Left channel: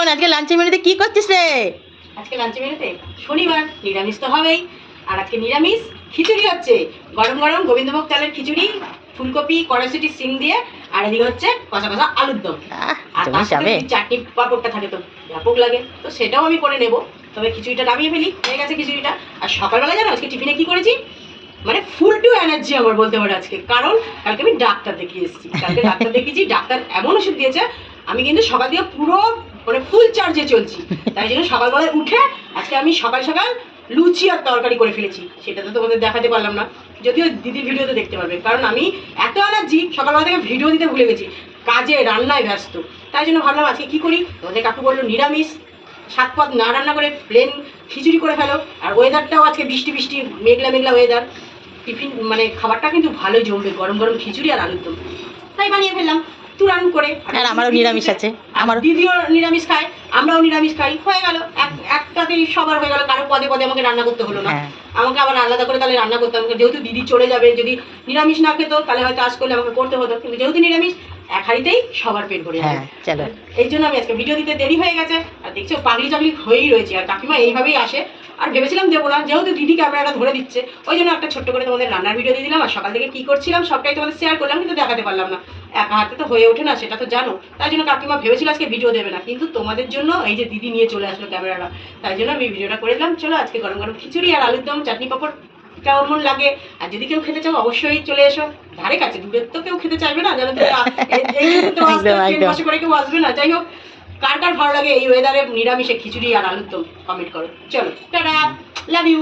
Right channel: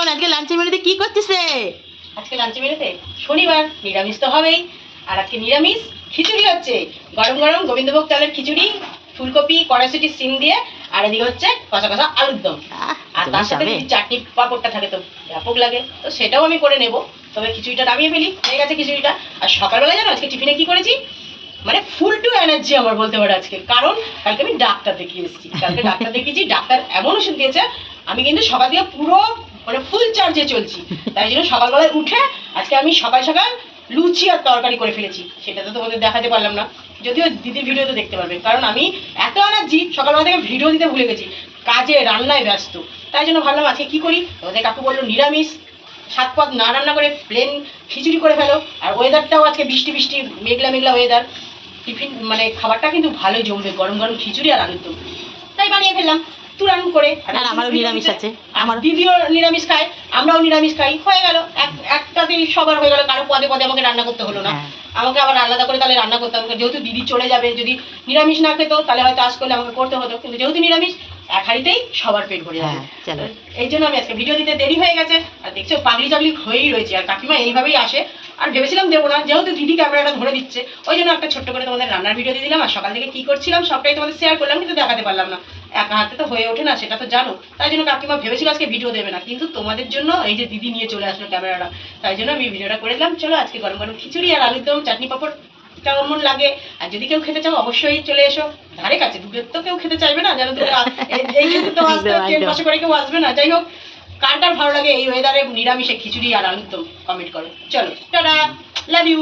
শোন, আজকে লাঞ্চের মেনুতে কি করছিস রে? আজকে লাঞ্চে মেনুতে শনিবার নিরামিষ তো হবেই। আর আজকে নিরামিষ খিচুড়ি হচ্ছে, গরম গরম গোবিন্দভোগ চালের খিচুড়ি, ফুলকপি কড়াইশুঁটি সিম দিয়ে, আর এদিকে হচ্ছে কষা কষা আলুর দম। আর তার সাথে যদি চাটনি পাঁপড়টা থাকে তো ব্যাপক লাগে, তো সেটাও আমি করে নেব। তবে খিচুড়িটা নামিয়ে ফেলি, হয়ে গেছে খিচুড়িটা। আর সকালবেলা জানো আজকে টিফিনে কি করেছি, মানে ফুল টু এনার্জি আমার বলতে পারো আজকে, কারণ কালকে আমি ডাক্তার দেখিয়ে এসেছি। কালকে ডাক্তার দেখিয়েছি, ডাক্তার এমন ওষুধ দিয়েছে, আমি কিন্তু সকাল দিয়ে পুরো মানে ফুল চার্জে চলছি। তাই জন্য সকালবেলায় উঠে আজকে আমি সকাল সকাল লুচি আর তরকারি করে ফেলেছি। সেটা তো তোমাদের দেখাতে পারলাম না, যদিও দিদির ভিডিওতে দেখতে পারবে, কারণ আমি এত এনার্জি সকালবেলা থেকে ভিডিও দিতে ভুলে গেছি, কাজে রান্নায় ব্যস্ত। তাই জন্য ভাবলাম আজকে কি করি, তোমাদের কাকু বললো নিরামিষ, সাত পদ না রান্না করে প্লেন খিচুড়ি করে ফেলো। আর ওয়েদারটাও আজকে বৃষ্টি বৃষ্টি মেঘলা মেঘলা ওয়েদার, টিফিন মানে খাবারটা কিন্তু ভালোই জমবে, গরম গরম খিচুড়ি আর আলুর দম। তাই বানিয়ে ফেললাম তুরান করে। আর আমারও নিরামিষ আছে, আমার দিদিও নিরামিষ খায়, আমরাও নিরামিষ খাই, হয়ে গেল একটাতেই সবার হয়ে গেল। কারো পদে পদে আমাকে রান্না করতে হলো না, আমাকে আবার আলাদা করে তাহলে রান্না করতে হবে। যেহেতু দিদি চলে যাবে, যদি নিরামিষ না খেতো তাহলে হয়তো আজ করলে আমাকে করতে হতো, কিন্তু যেহেতু নিরামিষ এক হাঁড়িতেই সবার পেট ভরে যাবে। চলো, এই জন্য আমি আজকে ভিডিও দিতে দেরি হয়ে গেছে। আর দেখছো পাগলি চাগলি হয়েই রয়েছে, আর কাকিমা এইভাবেই আসে। আর ভেবেছিলাম দেবো না, যেহেতু দিদি ক্যামেরাটা ধরে দিচ্ছে, ওই জন্য একটা ছোট্ট করে তোমাদের রান্নার ভিডিও দিয়ে দিলাম। আর সকাল থেকে কি করছিলাম সবটাই তোমাদের শেয়ার করলাম, কিন্তু দেখাতে পারলাম না, একা হাতে তো হয়ে ওঠে না, সেটা তো জানো। তাই জন্য কাকিমা ভেবেছিল আজকে ভিডিও দেবে না, কিন্তু তোমাদের জন্য এই যে দিদি নিয়ে চলে আসলো ক্যামেরাটা, তাই জন্য আমি ভিডিওটা করে দিলাম। চলো আজকে গরম গরম খিচুড়ি আর আলুর দম, চাটনি পাঁপড় কেমন লাগে। আর যদি কেউ খেতে চাও অবশ্যই চলে এসো, ধারে কাছে, দূরের তো কেউ খেতে চাইবে না, জানো তো ট্রেন বসে করে কেউ আসবে না। যাই হোক, কার কার ভালো লাগে এই ওয়েদারে নিরামিষে খিচুড়ি আর আলুর দম কমেন্ট করো। চলো টাটা, লাভ ইউ।